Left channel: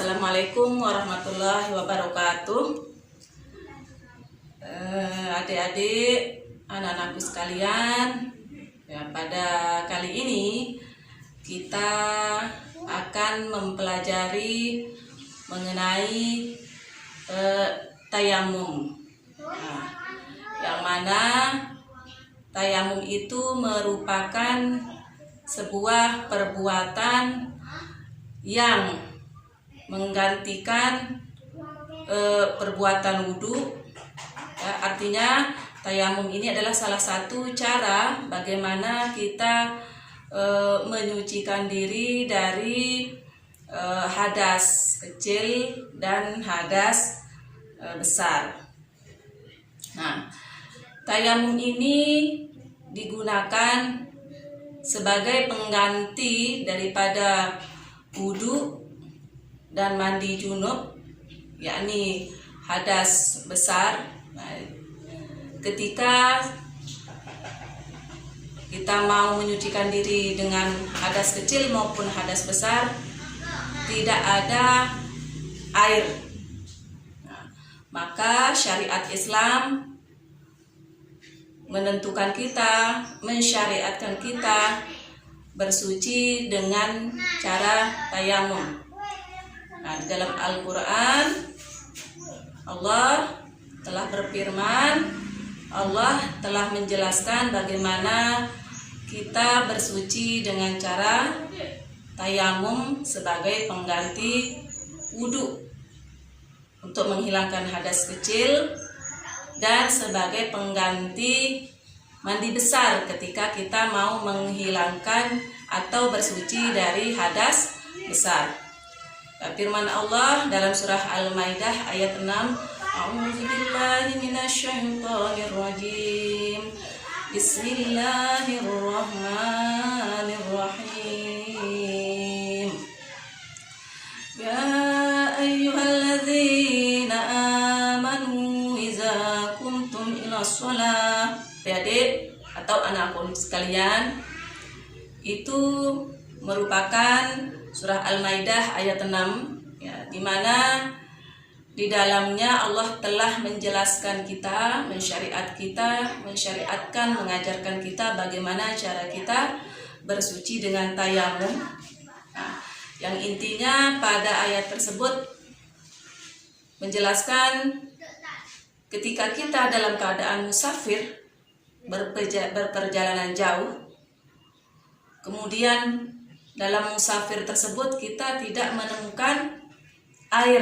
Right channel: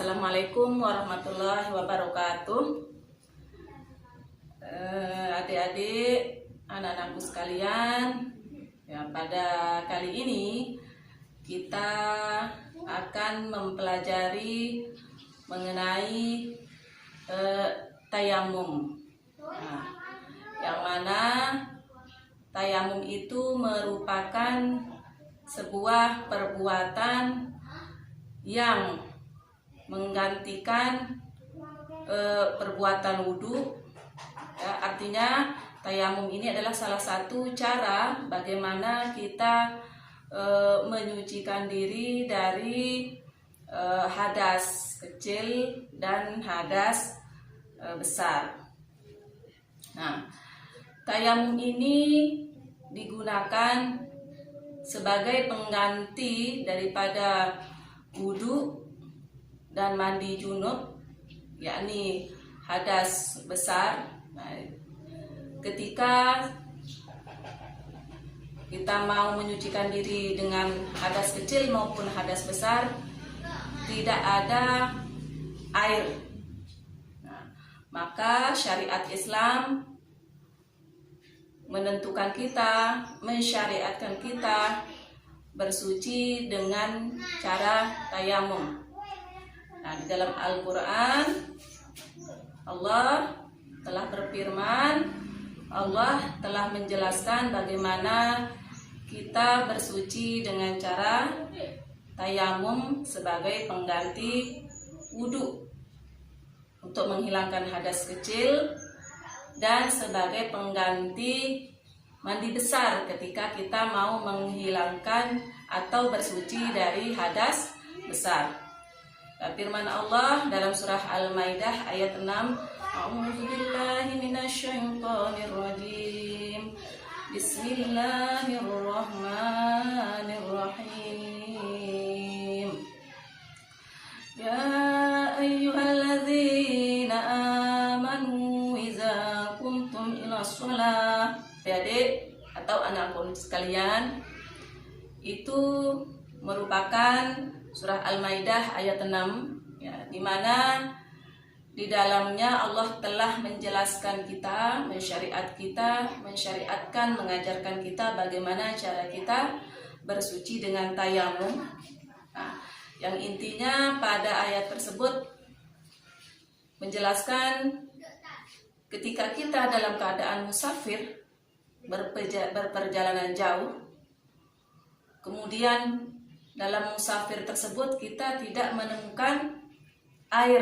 Assalamualaikum warahmatullahi wabarakatuh. Adik-adik, anak-anakku sekalian, pada kali ini kita akan mempelajari mengenai tayamum. Yang mana tayamum itu merupakan sebuah perbuatan yang menggantikan perbuatan wudhu. Artinya tayamum ini adalah salah satu cara bagaimana kita menyucikan diri dari hadas kecil dan hadas besar. Nah, tayamum ini digunakan sebagai pengganti daripada wudhu dan mandi junub, yakni hadas besar. Nah, ketika kita mau menyucikan diri dengan hadas kecil maupun hadas besar, tidak ada air. Nah, maka syariat Islam menentukan kita, mensyariatkan kita bersuci dengan cara tayamum. Nah, di dalam Al-Quran Allah telah berfirman, Allah telah menjelaskan bagaimana kita bersuci dengan cara tayamum sebagai pengganti wudhu untuk menghilangkan hadas kecil dan sebagai pengganti mandi besar ketika kita mau menghilangkan atau bersuci dari hadas besar. Firman Allah dalam surah Al-Maidah ayat 6, A'udzubillahi minasyaitonirrajim. Bismillahirrahmanirrahim. Ya ayyuhalladzina amanu iza kuntum ila sholat. Adik atau anakku sekalian, itu merupakan surah Al-Maidah ayat 6, di mana di dalamnya Allah telah menjelaskan kita, mensyariatkan, mengajarkan kita bagaimana cara kita bersuci dengan tayamum. Yang intinya pada ayat tersebut menjelaskan ketika kita dalam keadaan musafir, berperjalanan jauh, kemudian dalam musafir tersebut kita tidak menemukan air,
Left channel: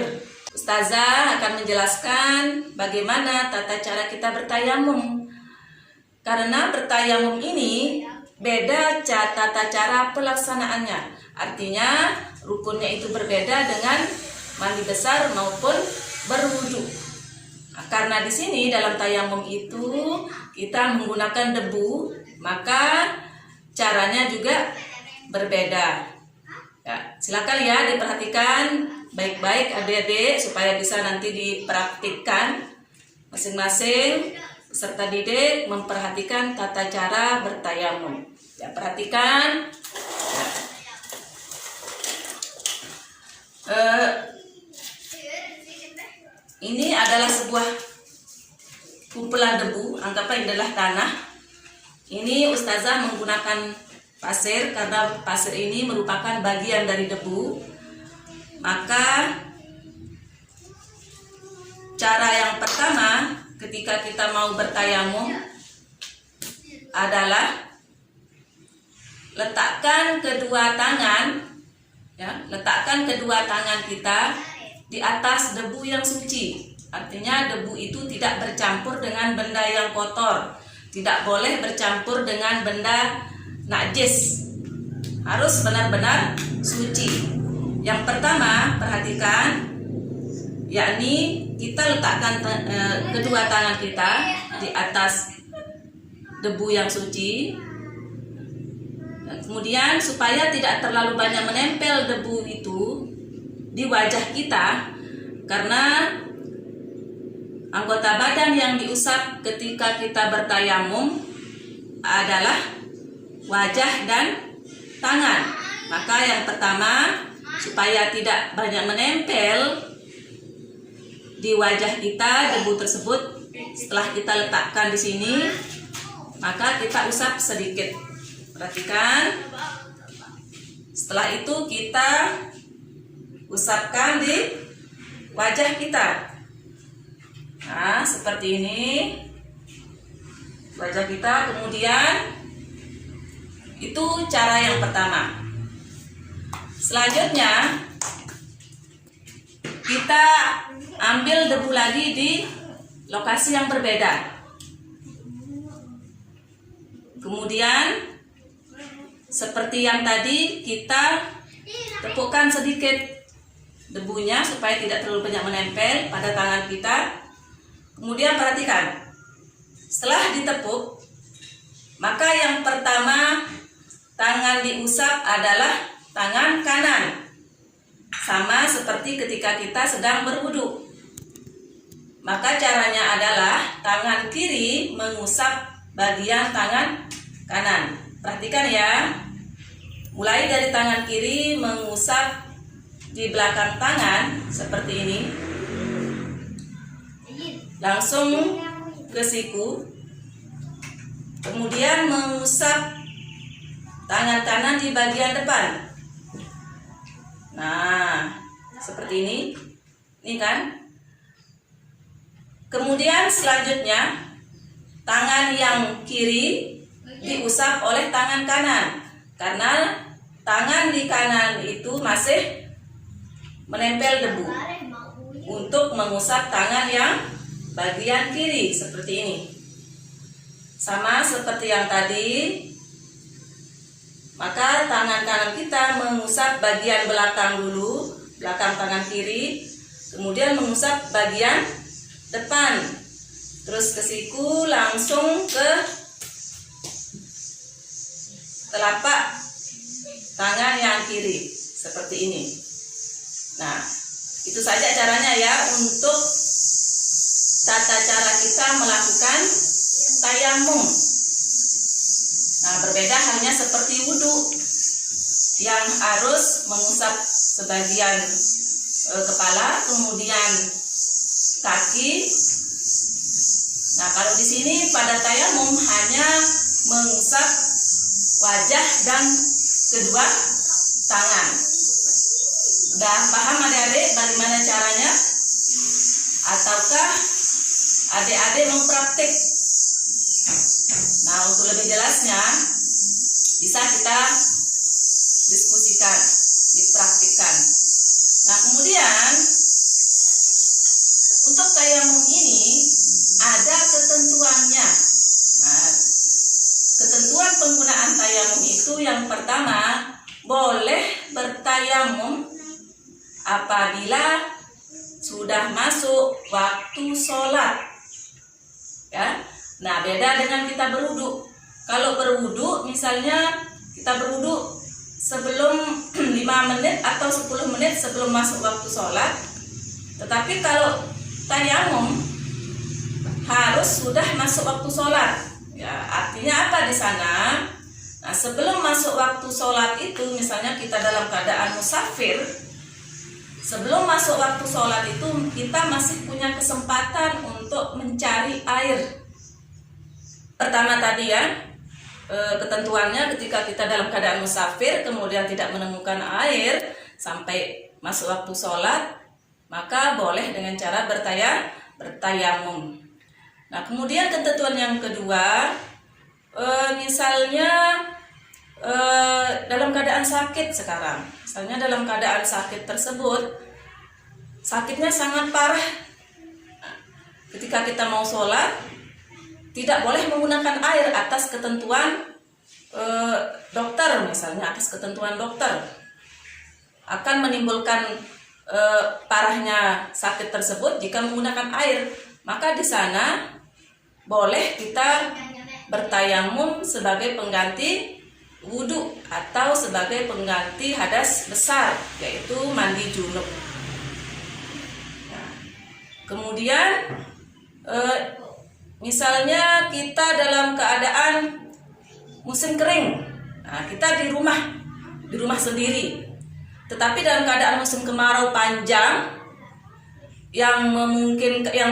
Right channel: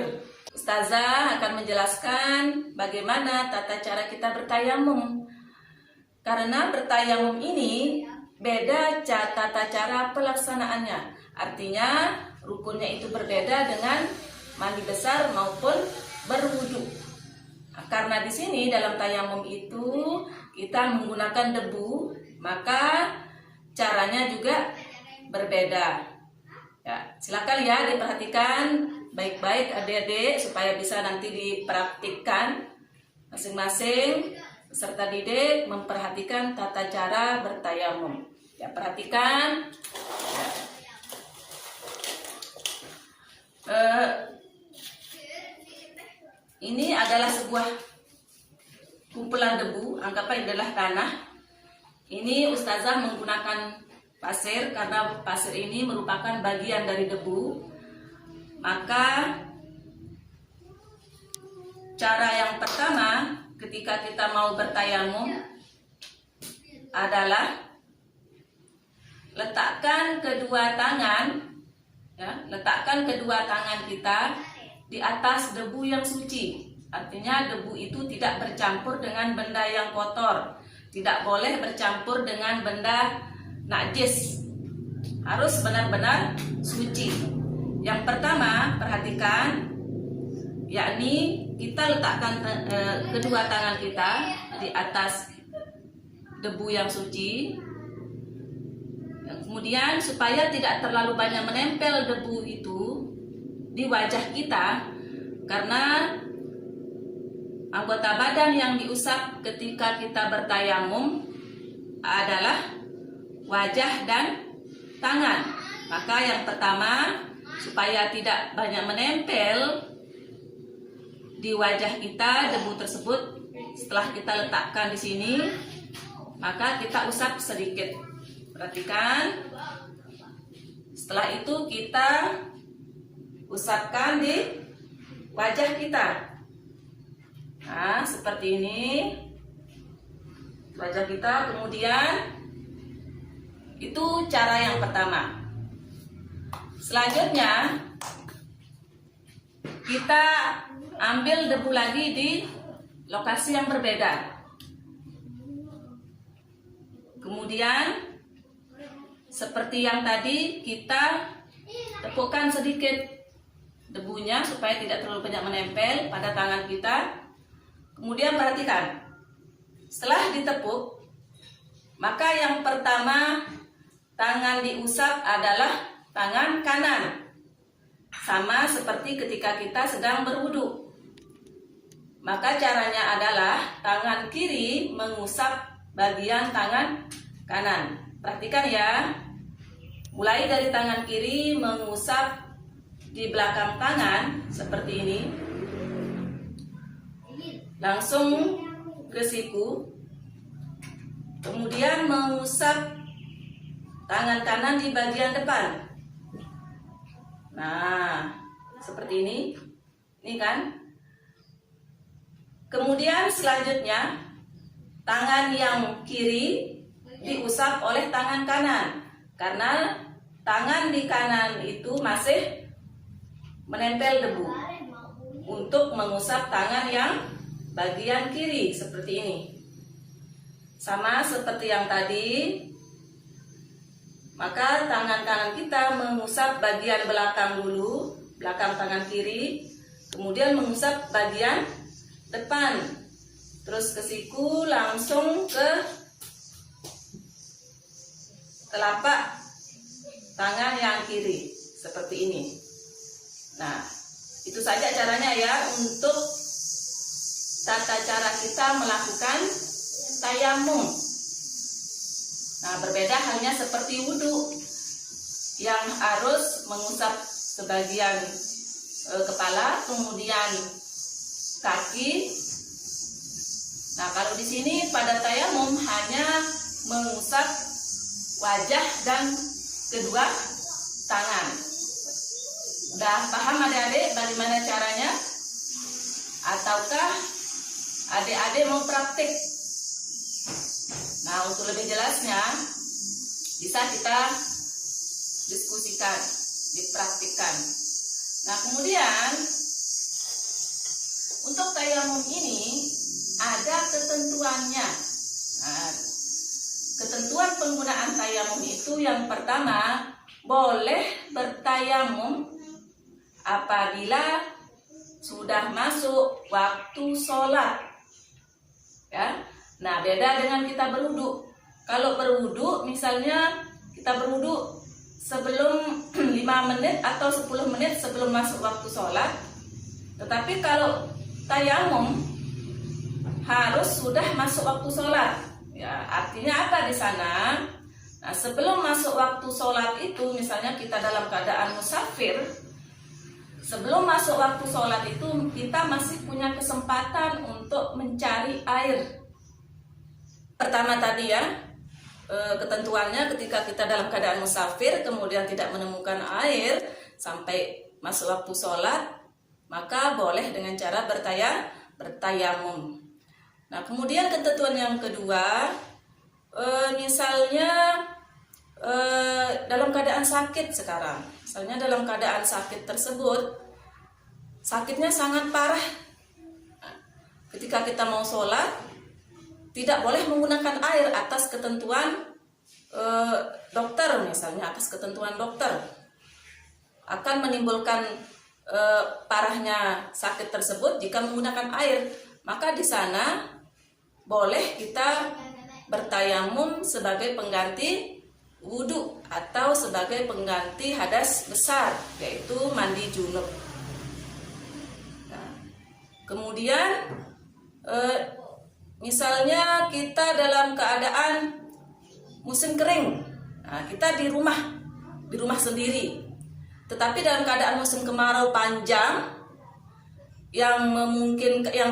Ustazah akan menjelaskan bagaimana tata cara kita bertayamum. Karena bertayamum ini beda tata cara pelaksanaannya. Artinya rukunnya itu berbeda dengan mandi besar maupun berwudu. Karena di sini dalam tayamum itu kita menggunakan debu, maka caranya juga berbeda. Silakan ya diperhatikan baik-baik adik-adik supaya bisa nanti dipraktikkan. Masing-masing peserta didik memperhatikan tata cara bertayamum. Perhatikan. Ini adalah sebuah kumpulan debu, anggaplah ini adalah tanah. Ini Ustazah menggunakan pasir karena pasir ini merupakan bagian dari debu. Maka cara yang pertama ketika kita mau bertayamum adalah letakkan kedua tangan kita di atas debu yang suci. Artinya debu itu tidak bercampur dengan benda yang kotor, tidak boleh bercampur dengan benda najis, harus benar-benar suci. Yang pertama perhatikan, yakni kita letakkan kedua tangan kita di atas debu yang suci. Kemudian supaya tidak terlalu banyak menempel debu itu di wajah kita, karena anggota badan yang diusap ketika kita bertayamum adalah wajah dan tangan. Maka yang pertama supaya tidak banyak menempel di wajah kita debu tersebut. Setelah kita letakkan di sini, maka kita usap sedikit. Perhatikan. Setelah itu kita usapkan di wajah kita. Nah, seperti ini wajah kita. Kemudian itu cara yang pertama. Selanjutnya kita ambil debu lagi di lokasi yang berbeda. Kemudian seperti yang tadi, kita tepukkan sedikit debunya supaya tidak terlalu banyak menempel pada tangan kita. Kemudian perhatikan, setelah ditepuk, maka yang pertama tangan diusap adalah tangan kanan. Sama seperti ketika kita sedang berwudu. Maka caranya adalah tangan kiri mengusap bagian tangan kanan. Perhatikan ya. Mulai dari tangan kiri mengusap di belakang tangan seperti ini. Langsung ke siku. Kemudian mengusap tangan kanan di bagian depan. Nah, seperti ini. Ini kan. Kemudian selanjutnya tangan yang kiri diusap oleh tangan kanan, karena tangan di kanan itu masih menempel debu, untuk mengusap tangan yang bagian kiri seperti ini. Sama seperti yang tadi, maka tangan kanan kita mengusap bagian belakang dulu, belakang tangan kiri, kemudian mengusap bagian depan, terus ke siku, langsung ke telapak tangan yang kiri seperti ini. Nah, itu saja caranya ya untuk tata cara kita melakukan tayamum. Nah, berbeda hanya seperti wudhu yang harus mengusap sebagian kepala, kemudian kaki. Nah, kalau di sini pada tayamum hanya mengusap wajah dan kedua tangan. Udah paham adik-adik bagaimana caranya? Ataukah adik-adik mau praktik? Nah, untuk lebih jelasnya bisa kita diskusikan, dipraktikkan. Nah, kemudian untuk tayamum ini ada ketentuannya. Nah, ketentuan penggunaan tayamum itu yang pertama, boleh bertayamum apabila sudah masuk waktu sholat. Ya. Nah, beda dengan kita berwudu. Kalau berwudu, misalnya kita berwudu sebelum 5 menit atau 10 menit sebelum masuk waktu sholat. Tetapi kalau tayamum harus sudah masuk waktu sholat. Ya, artinya apa di sana? Nah, sebelum masuk waktu sholat itu, misalnya kita dalam keadaan musafir, sebelum masuk waktu sholat itu kita masih punya kesempatan untuk mencari air. Pertama tadi ya, ketentuannya ketika kita dalam keadaan musafir kemudian tidak menemukan air sampai masuk waktu sholat, maka boleh dengan cara bertayamum. Nah, kemudian ketentuan yang kedua, misalnya dalam keadaan sakit sekarang, misalnya dalam keadaan sakit tersebut, sakitnya sangat parah. Nah, ketika kita mau sholat, tidak boleh menggunakan air atas ketentuan dokter, misalnya atas ketentuan dokter akan menimbulkan parahnya sakit tersebut jika menggunakan air. Maka di sana boleh kita bertayamum sebagai pengganti wudhu atau sebagai pengganti hadas besar, yaitu mandi junub. Nah, kemudian misalnya kita dalam keadaan musim kering, nah kita di rumah sendiri. Tetapi dalam keadaan musim kemarau panjang yang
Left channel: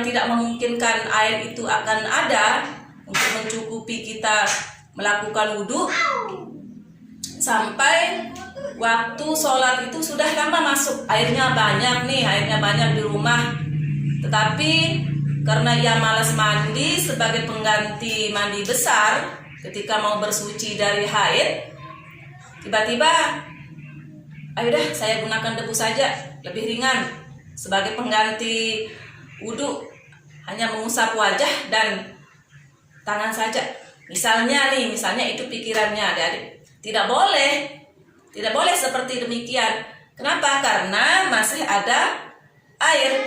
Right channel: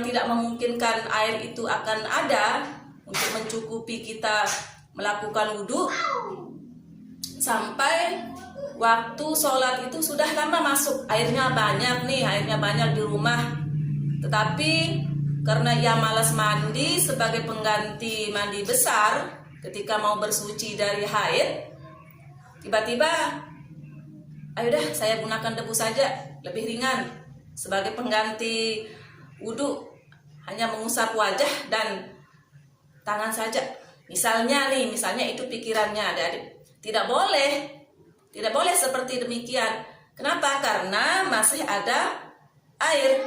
tidak memungkinkan air itu akan ada untuk mencukupi kita melakukan wudhu, sampai waktu sholat itu sudah lama masuk, airnya banyak di rumah, tetapi karena ia malas mandi sebagai pengganti mandi besar ketika mau bersuci dari haid, tiba-tiba ayo dah saya gunakan debu saja, lebih ringan, sebagai pengganti wudhu, hanya mengusap wajah dan tangan saja. Misalnya itu pikirannya adik-adik. Tidak boleh seperti demikian. Kenapa? Karena masih ada air,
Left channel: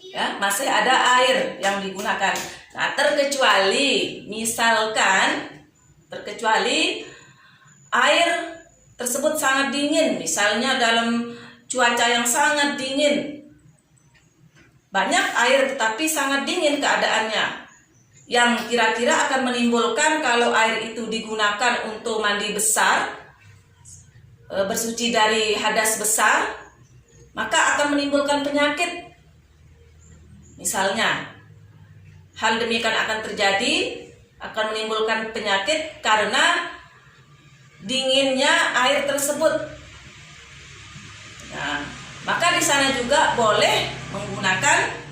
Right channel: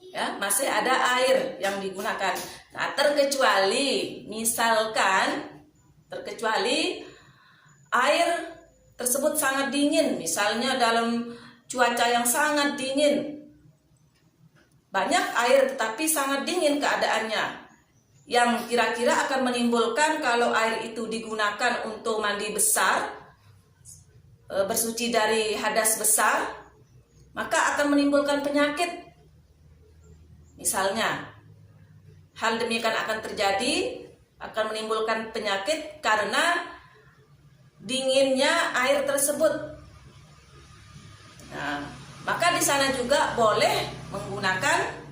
ya, masih ada air yang digunakan. Nah, terkecuali air tersebut sangat dingin, misalnya dalam cuaca yang sangat dingin, banyak air tetapi sangat dingin keadaannya, yang kira-kira akan menimbulkan kalau air itu digunakan untuk mandi besar, bersuci dari hadas besar, maka akan menimbulkan penyakit. Misalnya hal demikian akan terjadi, akan menimbulkan penyakit karena dinginnya air tersebut. Nah, maka di sana juga boleh menggunakan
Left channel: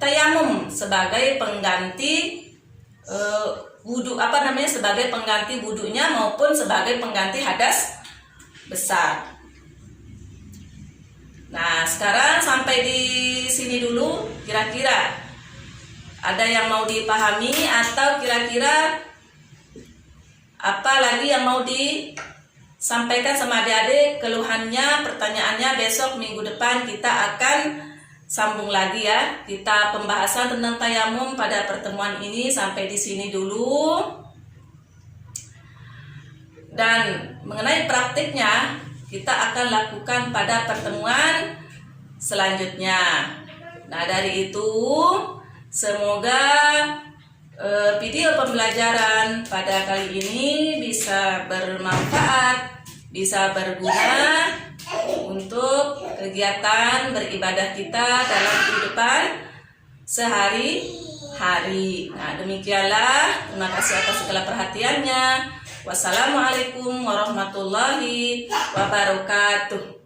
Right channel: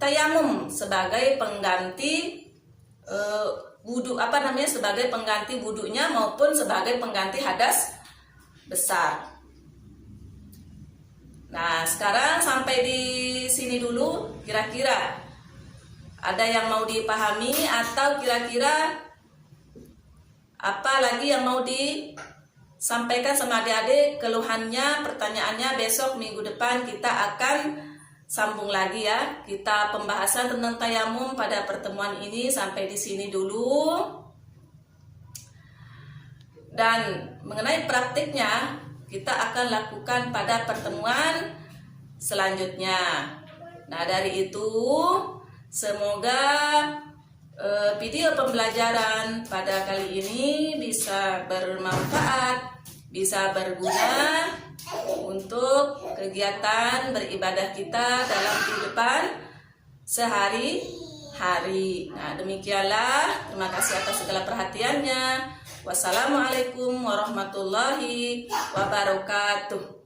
tayamum sebagai pengganti wudhu, sebagai pengganti wudhunya maupun sebagai pengganti hadas besar. Nah, sekarang sampai di sini dulu, kira-kira ada yang mau dipahami atau kira-kira apa lagi yang mau disampaikan sama adik-adik, keluhannya, pertanyaannya? Besok minggu depan kita akan sambung lagi ya. Kita pembahasan tentang tayamum pada pertemuan ini sampai di sini dulu. Dan mengenai praktiknya kita akan lakukan pada pertemuan selanjutnya. Nah, dari itu semoga video pembelajaran pada kali ini bisa bermanfaat, bisa berguna untuk kegiatan beribadah kita dalam kehidupan sehari-hari. Nah, demikianlah. Terima kasih atas segala perhatiannya. Wassalamualaikum warahmatullahi wabarakatuh.